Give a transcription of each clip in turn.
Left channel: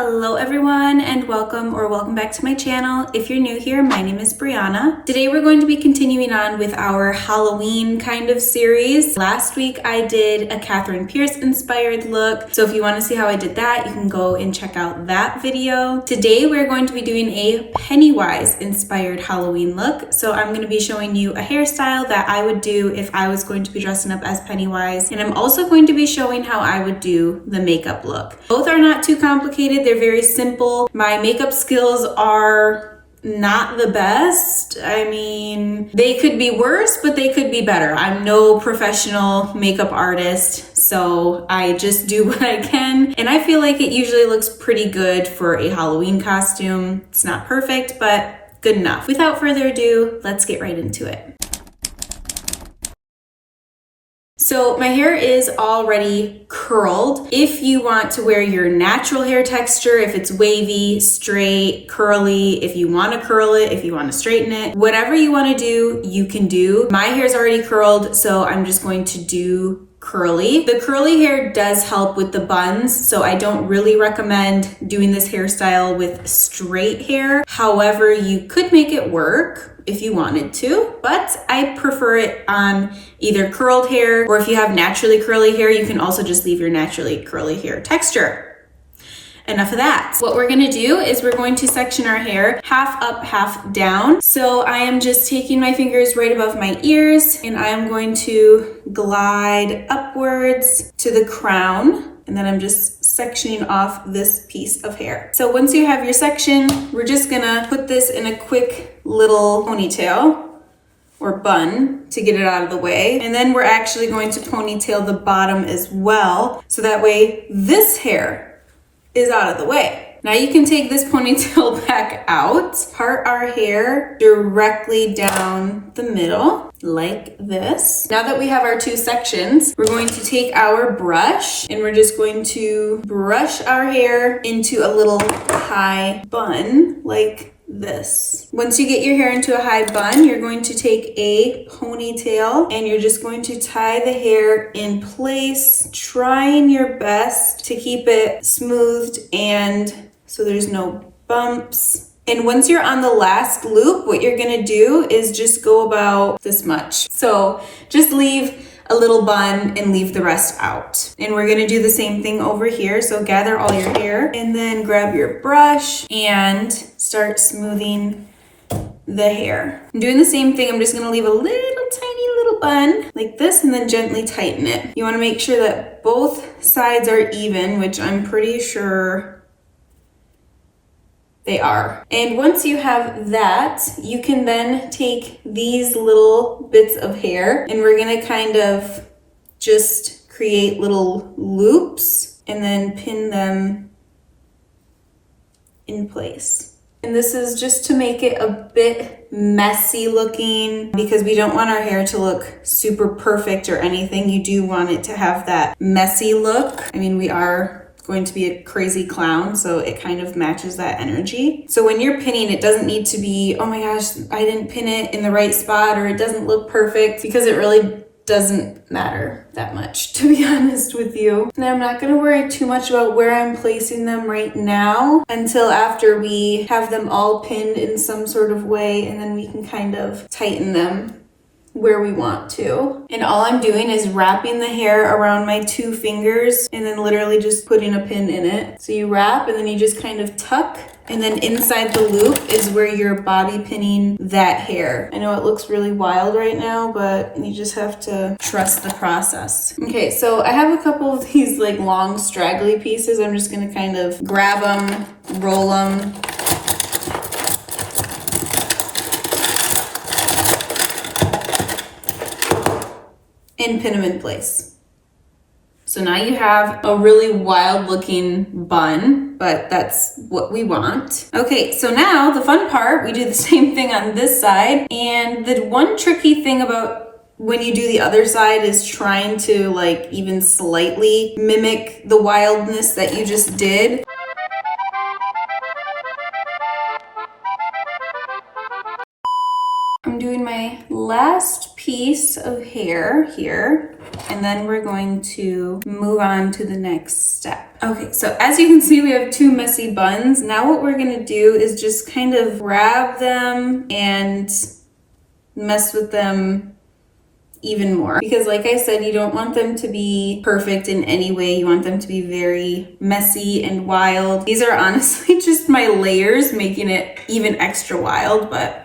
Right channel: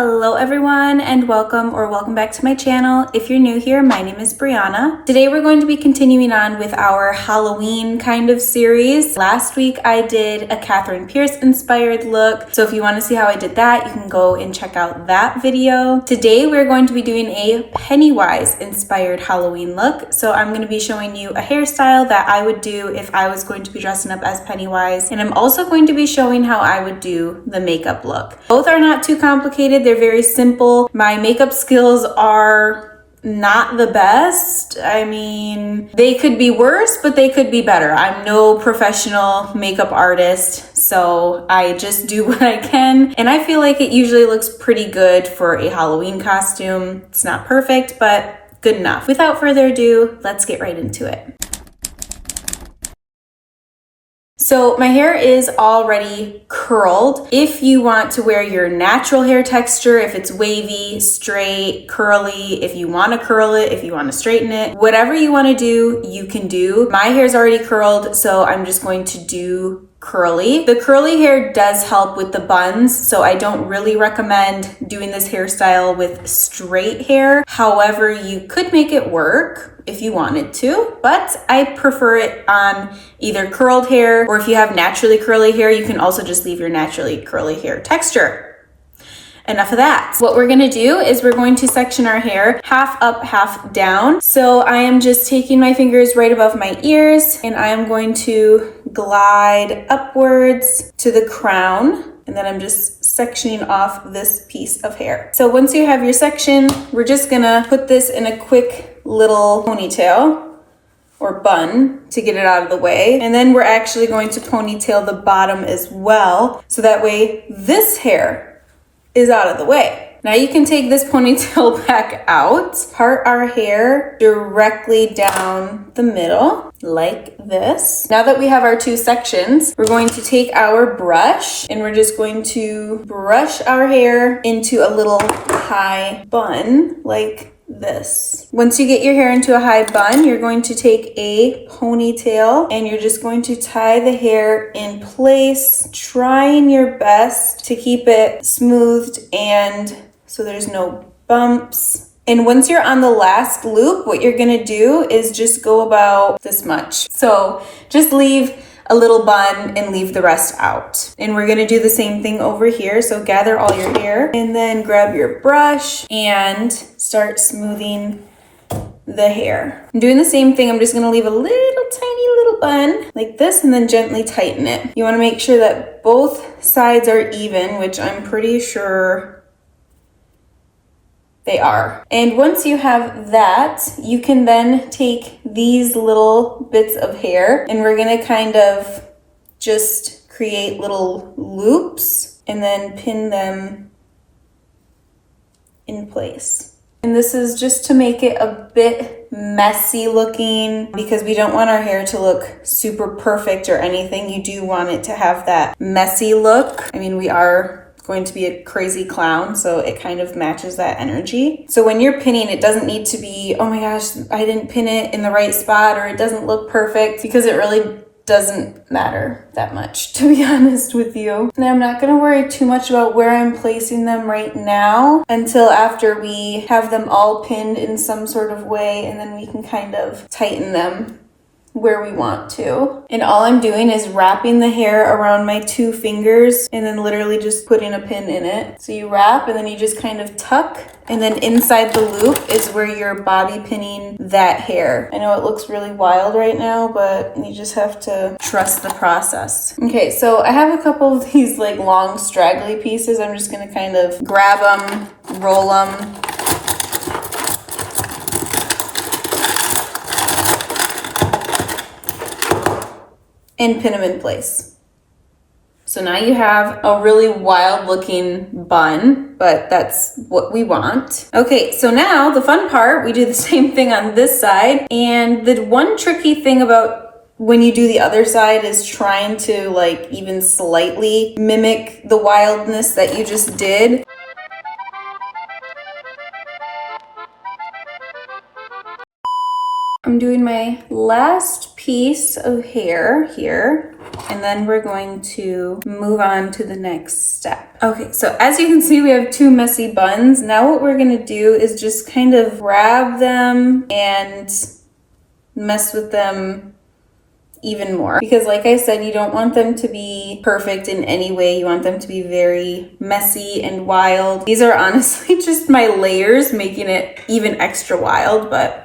Hello everyone and welcome back to my channel. If you're new here, my name is Brianna. Today we're going to be continuing on with our Halloween kind of series. Last week I did a Catherine Pierce inspired look. So if you want to see how I did that, you can go and check out that video. Today we're going to be doing a Pennywise inspired Halloween look. So I'm going to be showing you a hairstyle that I would do if I was going to be dressing up as Pennywise. And I'm also going to be showing how I would do the makeup look. Both are not too complicated. They're very simple. My makeup skills are not the best. I mean, they could be worse, but they could be better. I'm no professional makeup artist, so I just do what I can. And I feel like it usually looks pretty good for a Halloween costume. It's not perfect, but good enough. Without further ado, let's get right into it. So my hair is already curled. If you want to wear your natural hair texture, if it's wavy, straight, curly, if you want to curl it, if you want to straighten it, whatever you want to do, you can do. My hair is already curled, so I'm just going to do curly. The curly hair does help with the buns, so I don't really recommend doing this hairstyle with straight hair. However, you could make it work if you wanted to, but I prefer it on either curled hair, or if you have naturally curly hair, you can also just leave your naturally curly hair texture. Enough of that. What we're gonna do is we're going to section our hair half up, half down. So I am just taking my fingers right above my ears and I am going to glide upwards to the crown. And then I'm just sectioning off this piece of hair. So once you have your section, we're just gonna put this in a quick little ponytail or bun to get it out of the way. And then we're actually going to ponytail the bottom as well. So that way this hair is out of the way. Now you can take this ponytail back out, part our hair directly down the middle like this. Now that we have our two sections, we're going to take our brush and we're just going to brush our hair into a little high bun like this. Once you get your hair into a high bun, you're going to take a ponytail and you're just going to tie the hair in place, trying your best to keep it smoothed and so there's no bumps. And once you're on the last loop, what you're gonna do is just go about this much. So just leave a little bun and leave the rest out. And we're gonna do the same thing over here. So gather all your hair and then grab your brush and start smoothing the hair. I'm doing the same thing. I'm just gonna leave a little tiny little bun like this and then gently tighten it. You wanna make sure that both sides are even, which I'm pretty sure they are. And once you have that, you can then take these little bits of hair and we're gonna kind of just create little loops and then pin them in place. And this is just to make it a bit messy looking because we don't want our hair to look super perfect or anything. You do want it to have that messy look. I mean, we are going to be a crazy clown, so it kind of matches that energy. So when you're pinning, it doesn't need to be, oh my gosh, I didn't pin it in the right spot or it doesn't look perfect, because it really doesn't matter that much, to be honest with you. And I'm not gonna worry too much about where I'm placing them right now until after we have them all pinned in some sort of way, and then we can kind of tighten them where we want to. And all I'm doing is wrapping the hair around my two fingers and then literally just putting a pin in it. So you wrap and then you just kind of tuck, and then inside the loop is where you're bobby pinning that hair. I know it looks really wild right now, but you just have to trust the process. Okay, so I have a couple of these like long straggly pieces. I'm just gonna kind of grab them, roll them, and pin them in place. So now you have a really wild looking bun, but that's what we want. Okay, so now the fun part, we do the same thing on this side. And the one tricky thing about when you do the other side is trying to like even slightly mimic the wildness that you just did. I'm doing my last piece of hair here. and then we're going to move on to the next step. Okay, so as you can see, we have two messy buns. Now what we're gonna do is just kind of grab them and mess with them even more, because like I said, you don't want them to be perfect in any way. You want them to be very messy and wild. These are honestly just my layers making it even extra wild, but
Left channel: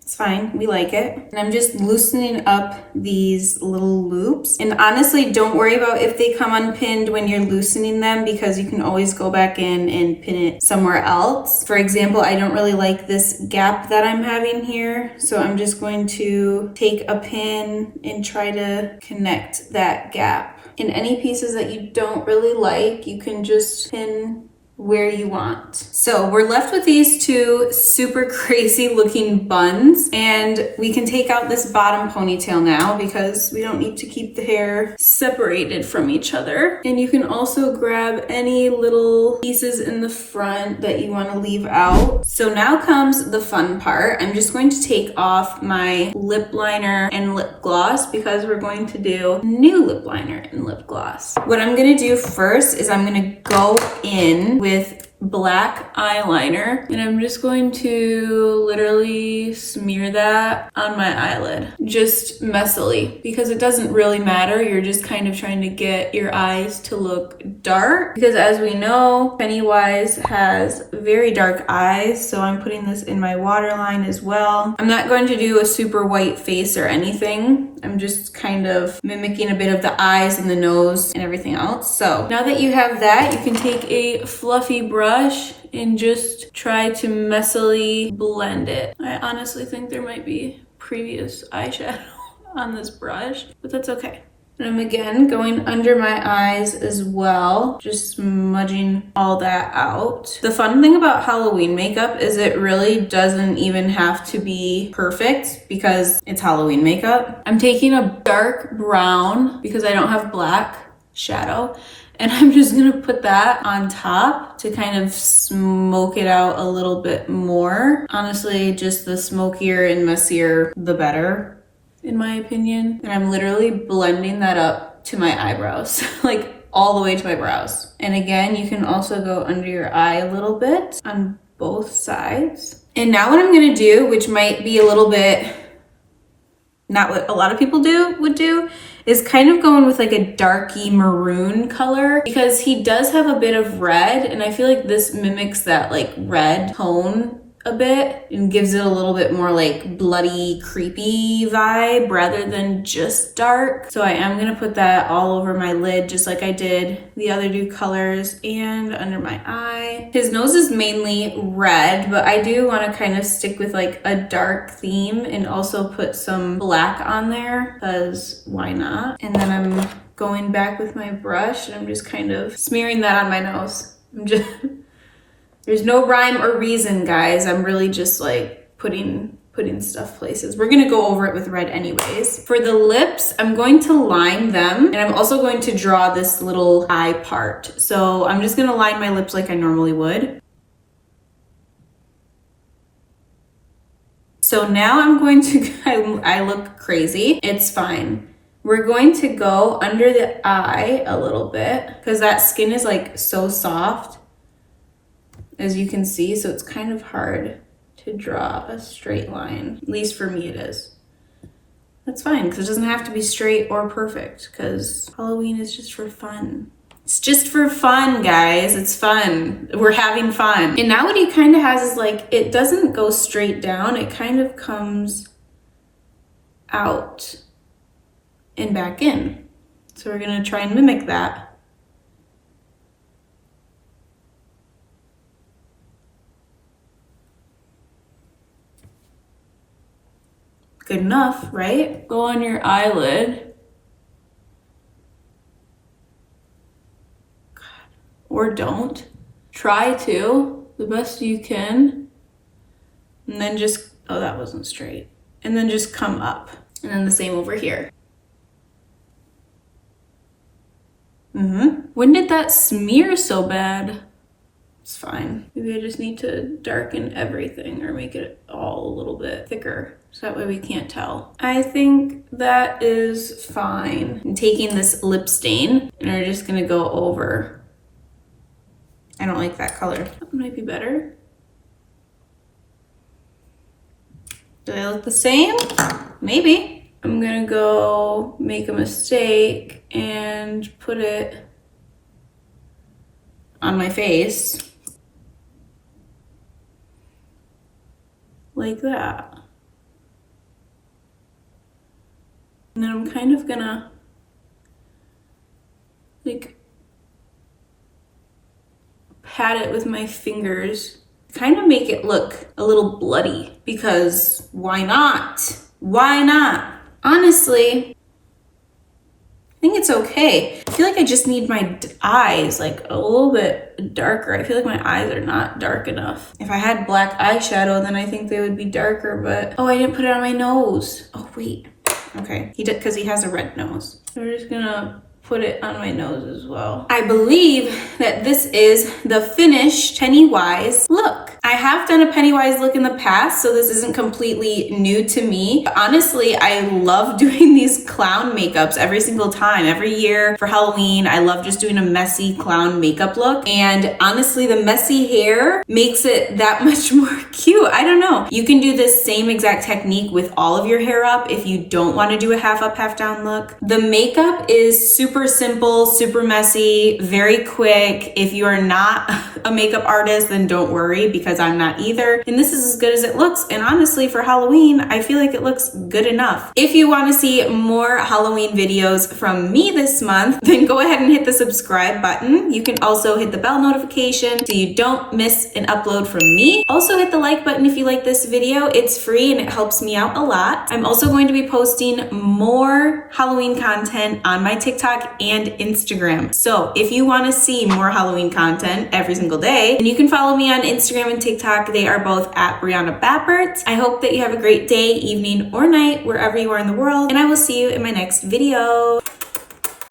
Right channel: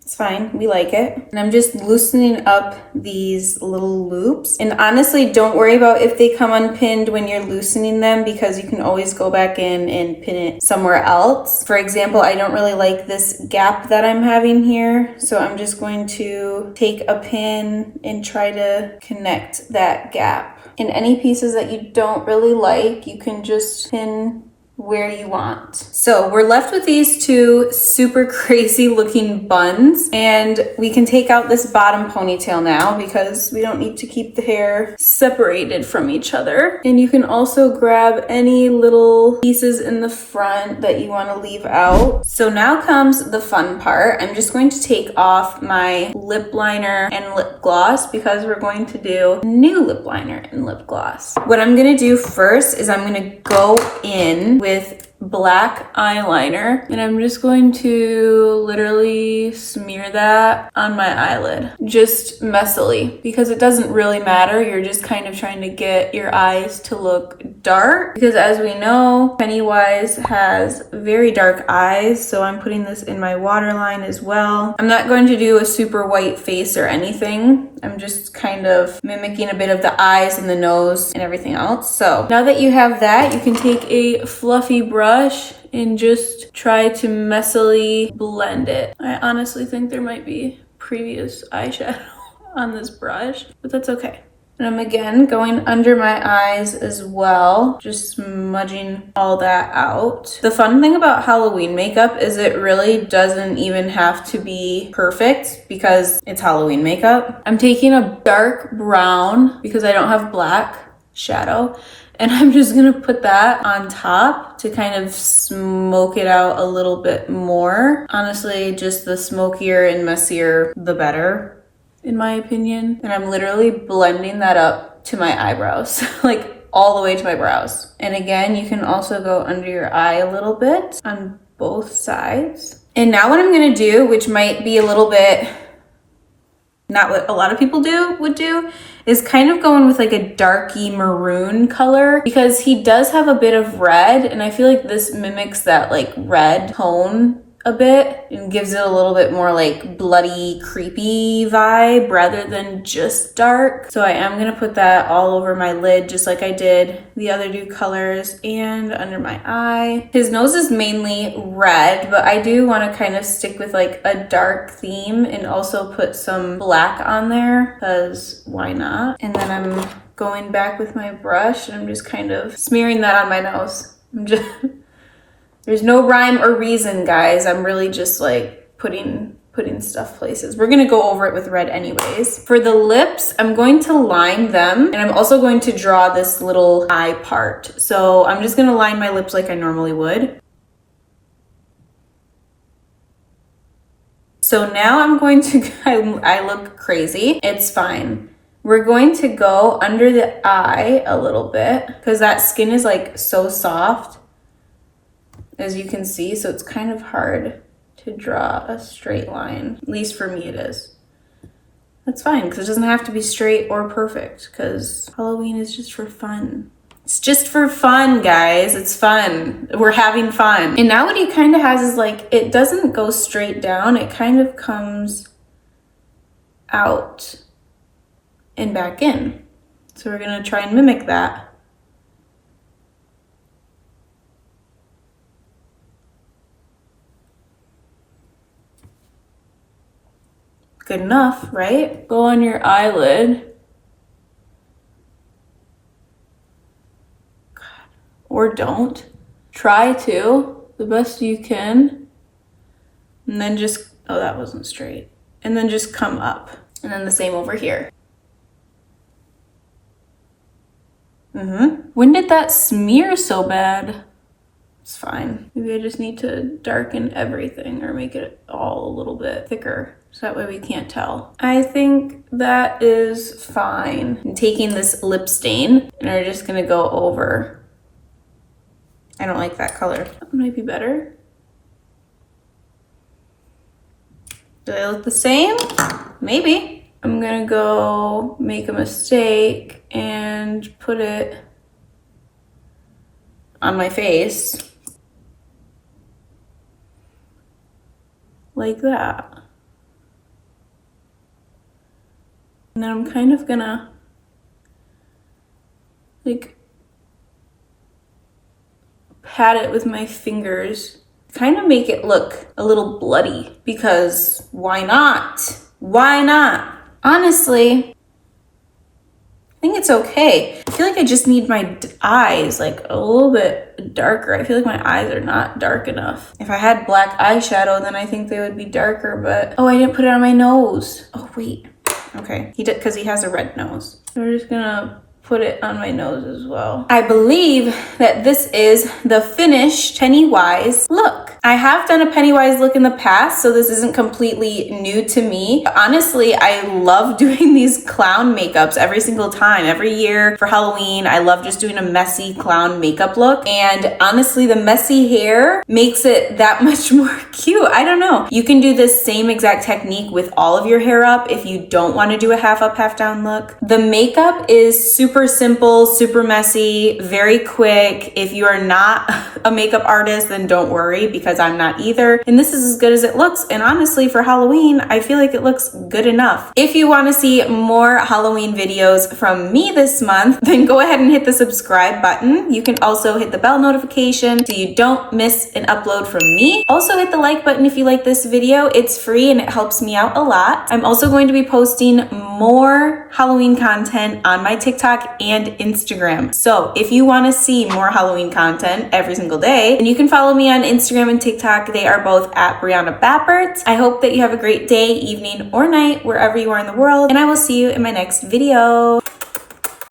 it's fine, we like it. And I'm just loosening up these little loops. And honestly, don't worry about if they come unpinned when you're loosening them, because you can always go back in and pin it somewhere else. For example, I don't really like this gap that I'm having here, so I'm just going to take a pin and try to connect that gap. And any pieces that you don't really like, you can just pin where you want. So we're left with these two super crazy looking buns, and we can take out this bottom ponytail now because we don't need to keep the hair separated from each other. And you can also grab any little pieces in the front that you want to leave out. So now comes the fun part. I'm just going to take off my lip liner and lip gloss because we're going to do new lip liner and lip gloss. What I'm going to do first is I'm going to go in with black eyeliner, and I'm just going to literally smear that on my eyelid, just messily, because it doesn't really matter. You're just kind of trying to get your eyes to look dark, because as we know, Pennywise has very dark eyes, so I'm putting this in my waterline as well. I'm not going to do a super white face or anything. I'm just kind of mimicking a bit of the eyes and the nose and everything else. So now that you have that, you can take a fluffy brush and just try to messily blend it. I honestly think there might be previous eyeshadow on this brush, but that's okay. And I'm again going under my eyes as well, just smudging all that out. The fun thing about Halloween makeup is it really doesn't even have to be perfect because it's Halloween makeup. I'm taking a dark brown because I don't have black shadow, and I'm just gonna put that on top to kind of smoke it out a little bit more. Honestly, just the smokier and messier, the better, in my opinion. And I'm literally blending that up to my eyebrows, like all the way to my brows. And again, you can also go under your eye a little bit on both sides. And now what I'm gonna do, which might be a little bit not what a lot of people would do, is kind of going with like a darky maroon color, because he does have a bit of red, and I feel like this mimics that like red tone a bit and gives it a little bit more like bloody, creepy vibe rather than just dark. So I am gonna put that all over my lid just like I did the other two colors, and under my eye. His nose is mainly red, but I do want to kind of stick with like a dark theme and also put some black on there, because why not? And then I'm going back with my brush and I'm just kind of smearing that on my nose. There's no rhyme or reason, guys. I'm really just like putting stuff places. We're gonna go over it with red anyways. For the lips, I'm going to line them, and I'm also going to draw this little eye part. So I'm just gonna line my lips like I normally would. So now I'm going to, I look crazy. It's fine. We're going to go under the eye a little bit because that skin is like so soft, as you can see, so it's kind of hard to draw a straight line. At least for me it is. That's fine, because it doesn't have to be straight or perfect, because Halloween is just for fun. It's just for fun, guys. It's fun. We're having fun. And now what he kind of has is like, it doesn't go straight down. It kind of comes out and back in. So we're gonna try and mimic that. Good enough, right? Go on your eyelid. God. Or don't. Try to, the best you can. And then just, oh, that wasn't straight. And then just come up. And then the same over here. When did that smear so bad? It's fine. Maybe I just need to darken everything or make it all a little bit thicker. So that way we can't tell. I think that is fine. I'm taking this lip stain and we're just gonna go over. I don't like that color. That might be better. Do they look the same? Maybe. I'm gonna go make a mistake and put it on my face. Like that. And then I'm kind of gonna like pat it with my fingers, kind of make it look a little bloody, because why not? Why not? Honestly, I think it's okay. I feel like I just need my eyes like a little bit darker. I feel like my eyes are not dark enough. If I had black eyeshadow, then I think they would be darker, but oh, I didn't put it on my nose. Oh, wait. Okay, he did, because he has a red nose. So we're just gonna put it on my nose as well. I believe that this is the finished Pennywise look. I have done a Pennywise look in the past, so this isn't completely new to me. But honestly, I love doing these clown makeups every single time. Every year for Halloween, I love just doing a messy clown makeup look. And honestly, the messy hair makes it that much more cute. I don't know. You can do this same exact technique with all of your hair up if you don't want to do a half up, half down look. The makeup is super simple, super messy, very quick. If you are not a makeup artist, then don't worry, because I'm not either. And this is as good as it looks. And honestly, for Halloween, I feel like it looks good enough. If you want to see more Halloween videos from me this month, then go ahead and hit the subscribe button. You can also hit the bell notification so you don't miss an upload from me. Also hit the like button if you like this video. It's free and it helps me out a lot. I'm also going to be posting more Halloween content on my TikTok and Instagram. So if you want to see more Halloween content every single day, then you can follow me on Instagram and TikTok. They are both at Brianna Bappert. I hope that you have a great day, evening, or night, wherever you are in the world, and I will see you in my next video.